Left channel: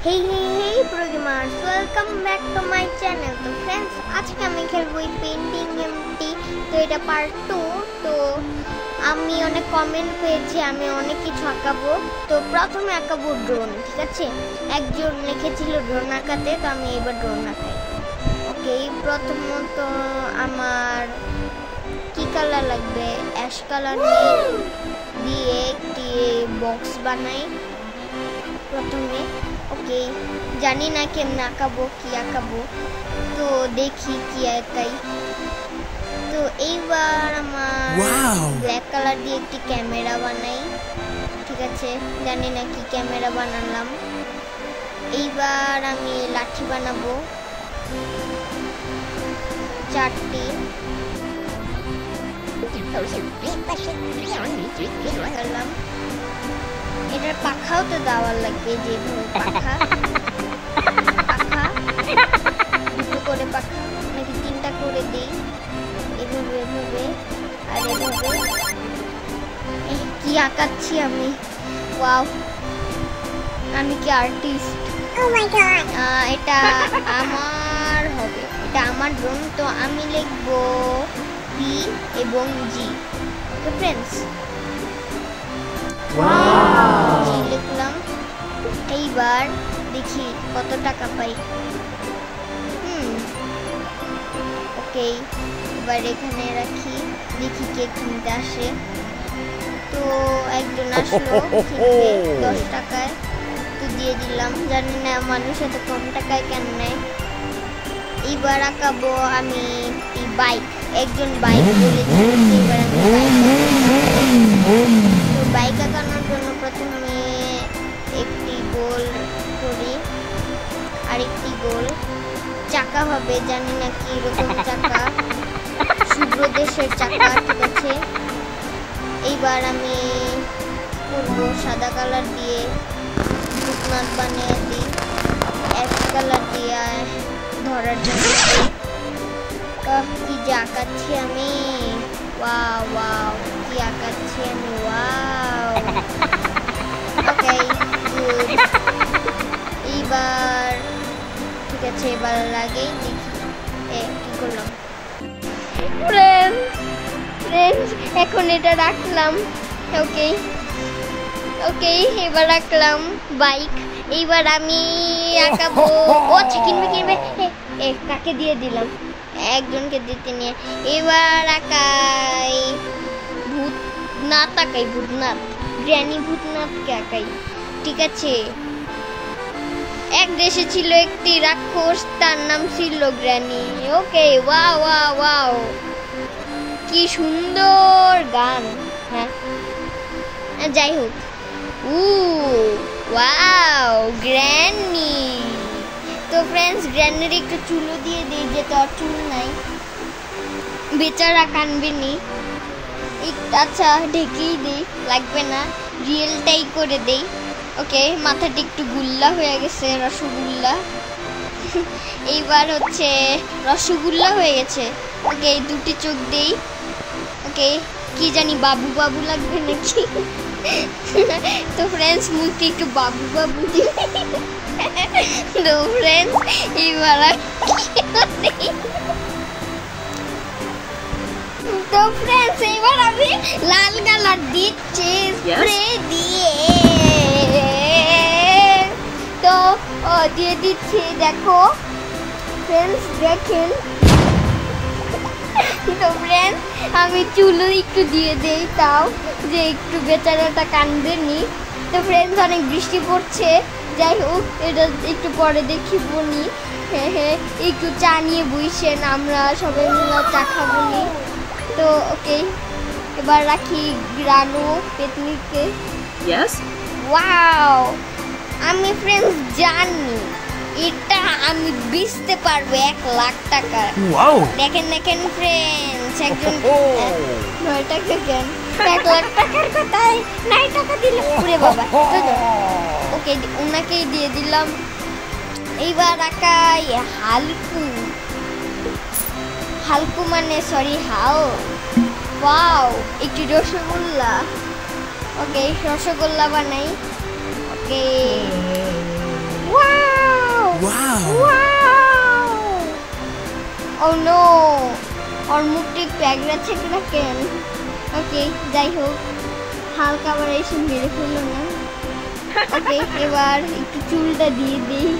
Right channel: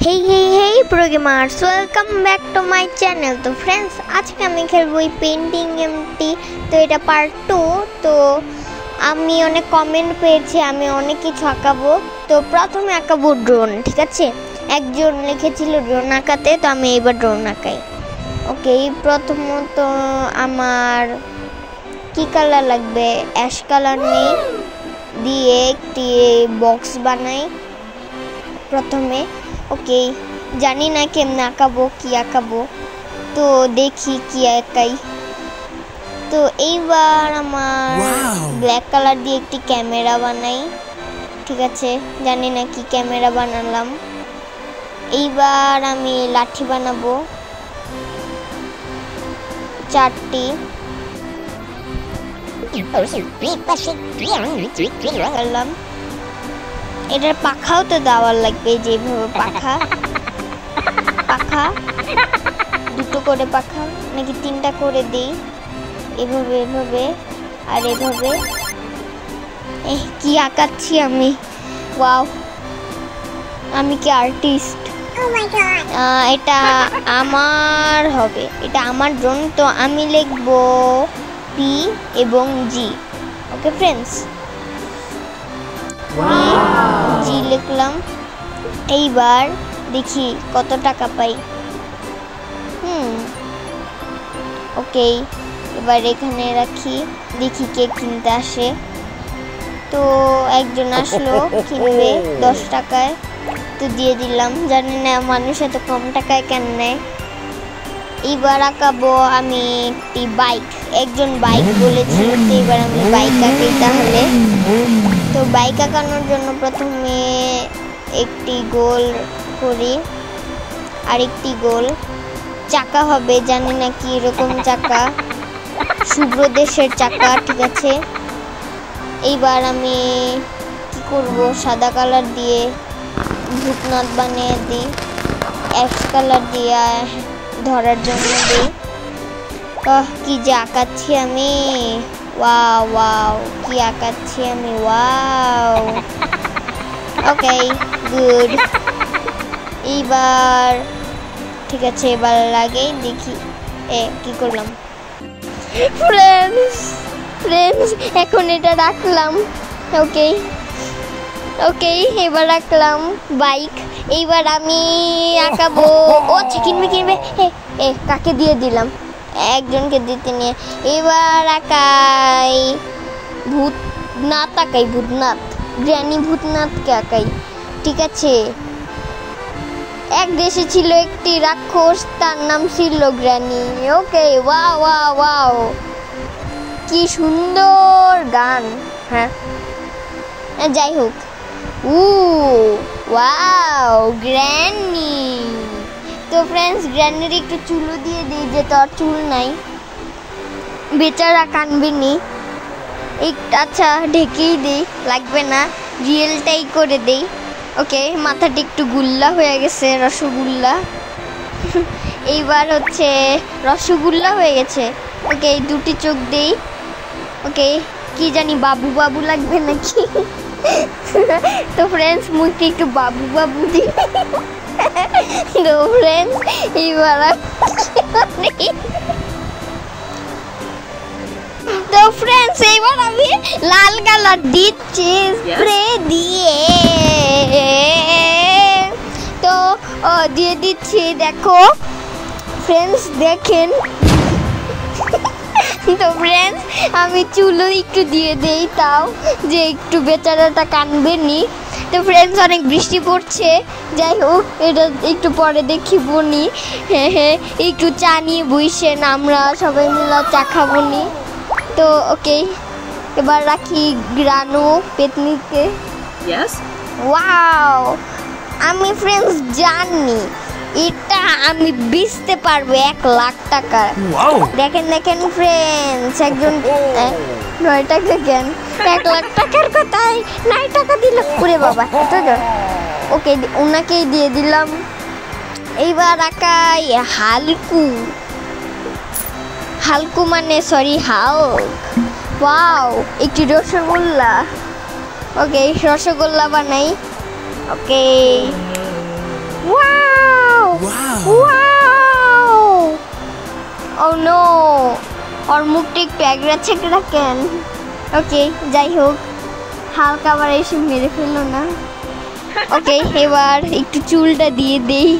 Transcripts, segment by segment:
Hey pro gamers, welcome back to my channel. তো friends আজকে আমি খেলবো এই পেইন্টিং গেমটি। তো এটা পার্ট 2। তো আমি অনেক কমেন্ট পেয়েছি আমি অনেক কিছু আঁকাবো। তো প্রথমে আঁকাবো ড্রোন, ঠিক আছে? একজন লিখেছিল ড্রোন আঁকাতে, তো আমি এবার ড্রোন আঁকাই। ওকে, প্রথমত আমার কি কালার লাগবে? অ্যাশ কালার নেই, দিয়ে একটি বক্স বানাই প্রথমে। ওকে, জানি না কেমনে আঁকাবো, কি আঁকাবো, তো দেখি কি আঁকাই। তো এইবার আমার ব্ল্যাক কালার দিয়ে একটি ক্যামেরা বানাই, ঠিক আছে? জানি না কি ক্যামেরা বানালাম। এইবার আমি লাঠি বানাবো 4টি। এটার পাখাও তো দেওয়ার লাগবে, যেভাবে পাখা দুটো করে পাখা নাকি 3টা করে দিই, এভাবে এভাবে আর এভাবে। কি আঁকাচ্ছি আমি! ওয়াও, আমি কি আর্টিস্ট! এটা আমার হবে, এটা আমার ড্রোন। তো আমি লিখবো পি এবং জি। ওকে ফ্রেন্ডস, জি লিখলাম। এইবার দেখি কত টাকা পাই। ওকে, এবার এখানে রাখি, দেখি কে কিনতে আসে। তো একজন আসলো কিনবে 10 টাকায়, তো দিয়ে দিলাম। জানি না মানুষ এত কম টাকায় কেন নেয়। এইবার আঁকাবো আমি একটি বাইক। একজন বাইক বলেছিল, এবার আমি বাইক আঁকি তাহলে। তো বাইক আঁকানোর জন্য প্রথমে একটি গোল করি, আরেকটি গোল চাকা হবে। জানি না কি রকম চাকা, শুভ্র দেশের চাকা, ঠিক আছে? এইবার আমি কি করবো, সাদা কালার দিয়ে ভূতনাথ বানিয়ে দিই, অ্যাশ কালার দিয়ে ধরার জন্য দিই। কি যে আঁকাচ্ছি আমি! ওয়াও ওয়াও, কি আঁকাচ্ছি আমি! Wow, okay good. এইবার ঠিক আছে, এবার লাগে দেখি কি করলাম। ফ্রেন্ডস এখন এটা রাখলাম। ওকে ওকে, এবার রাখলাম বাইক। এইবার আমি আঁকাবো, ও কিনবে কাকে দিয়ে দিলাম, একজনকে দিতে নিয়ে। এবার আঁকাই ভূতনাথ, আঁকাই ভূতনাথ, গ্র্যানি ভূতনাথকে আঁকাই, ঠিক আছে? এক দেশে ছিল একটি রাক্ষস, তার নাম ছিল গ্র্যানি। ওকে, ওয়াও ওয়াও ওয়াও, কি সুন্দর গান। হ্যাঁ, যাই হোক। Wow, granny. তো ফ্রেন্ডস, গ্র্যানির একটু চুলও দিয়ে দিই, যে তোর চুল নাই, বেচারা কানবিনি। আচ্ছা, ঢেকেই দিই, লাগবে না, রিয়েলটাই করে দেই। ওকে, মাথাটা একটু গুল্লা হয়ে গেছে, রসগোল্লা। এইবার হচ্ছে রসগোল্লা হয়ে গেছে। ওকে, 2টি চোখ দেই। ওকে, কি জানি বাবু বাবু লাগবে নাকি? তো ফ্রেন্ডস, মুখে একটু বাবু বাবু দিই। তো ফ্রেন্ডস, এইবার আমি লাল কালার দিচ্ছি স্প্রে দিয়ে। তো দিয়ে দিচ্ছি, দেখো ফ্রেন্ডস, দেখেন। তো ফ্রেন্ডস, আমি চুলও একটু দিয়ে দেই, তাও যে একটু বেচারাটা কানবে নি। তো ফ্রেন্ডস, অনেক বৃষ্টি পড়ছে, যাই হোক, এটা একটু পরে দেখি বনি। হ্যাঁ, একটু চা নিয়ে বইসেন, আমরা সবাই মিলে চা খাবো নি। তো ওকে, এবার রাখি গ্রানো পেতনিকে। ওয়াও, আমি ফ্রেন্ডস জানি এটা আমি বেচতে পারবো 1 লাখ টাকা। দেখেন ফ্রেন্ডস, একজন 9 টাকা দেন, 1 লাখ টাকার কথাই 9 টাকা দিল। ওরে বাবা, ওকে, ওনাকেই দিয়ে দিলাম। এইবার আঁকাই হালকু মানে সরি হাও। ওয়াও, একটি রসগোল্লা। ওকে, রসগোল্লা বানাই। ওকে, ওয়াও। ও নো, ওর মুখটা একটু একরা ছেকরা কেন? ওকে, যাই হোক, হালকা আবার এসে মেরে ফেললো না। ওকে, এবার একটু চুলটা দিয়ে দেই,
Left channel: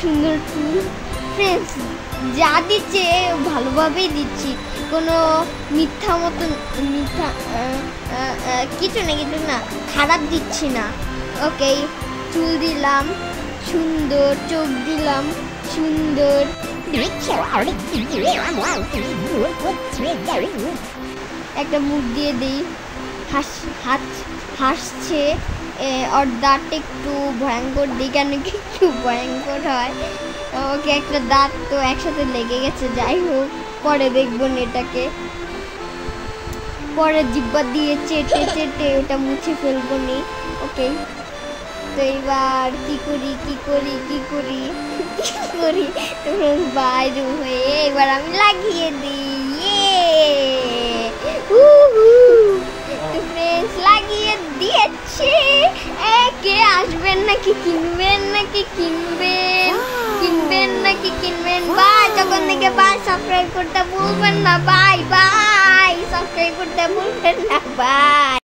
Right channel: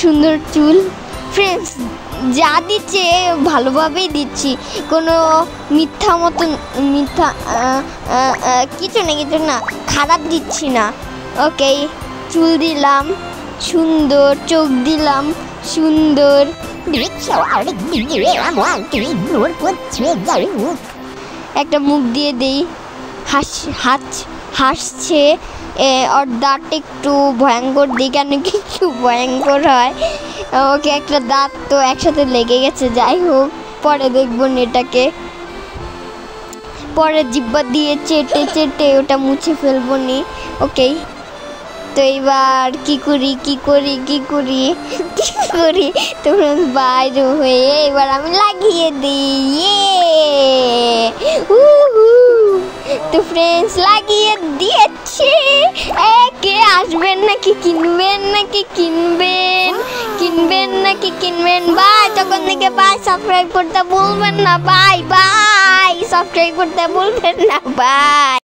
সুন্দর চুল। ফ্রেন্ডস, যা দিচ্ছে ভালোভাবেই দিচ্ছি, কোনো মিথ্যা কিছু না খারাপ দিচ্ছি না। ওকে, চুল দিলাম সুন্দর, চোখ দিলাম সুন্দর, একটা মুখ দিয়ে দেই, হাসছে। ওর দাঁত একটু ভয়ঙ্কর দিই, কেন কিছু ভয়ঙ্কর হয়। ওকে, একটা দাঁত তো একসাথে লেগে গেছে, যাই হোক পরে দেখবো এটাকে, পরে জিব্বা দিয়ে চেটে ওটা মুছে ফেলবো নি। ওকে, তো এবার কি করি তো বাইরে হয়ে এবার আমি লাগিয়ে দিই। তো ফ্রেন্ডস, লাগিয়ে দিয়েছি। কে আসবেন নাকি কিনবেন? বাই, তখন থেকে বাই, সাবস্ক্রাইব করতে ভুলবেন না। বাই, সাবস্ক্রাইব করতে ভুলবেন না। বাই।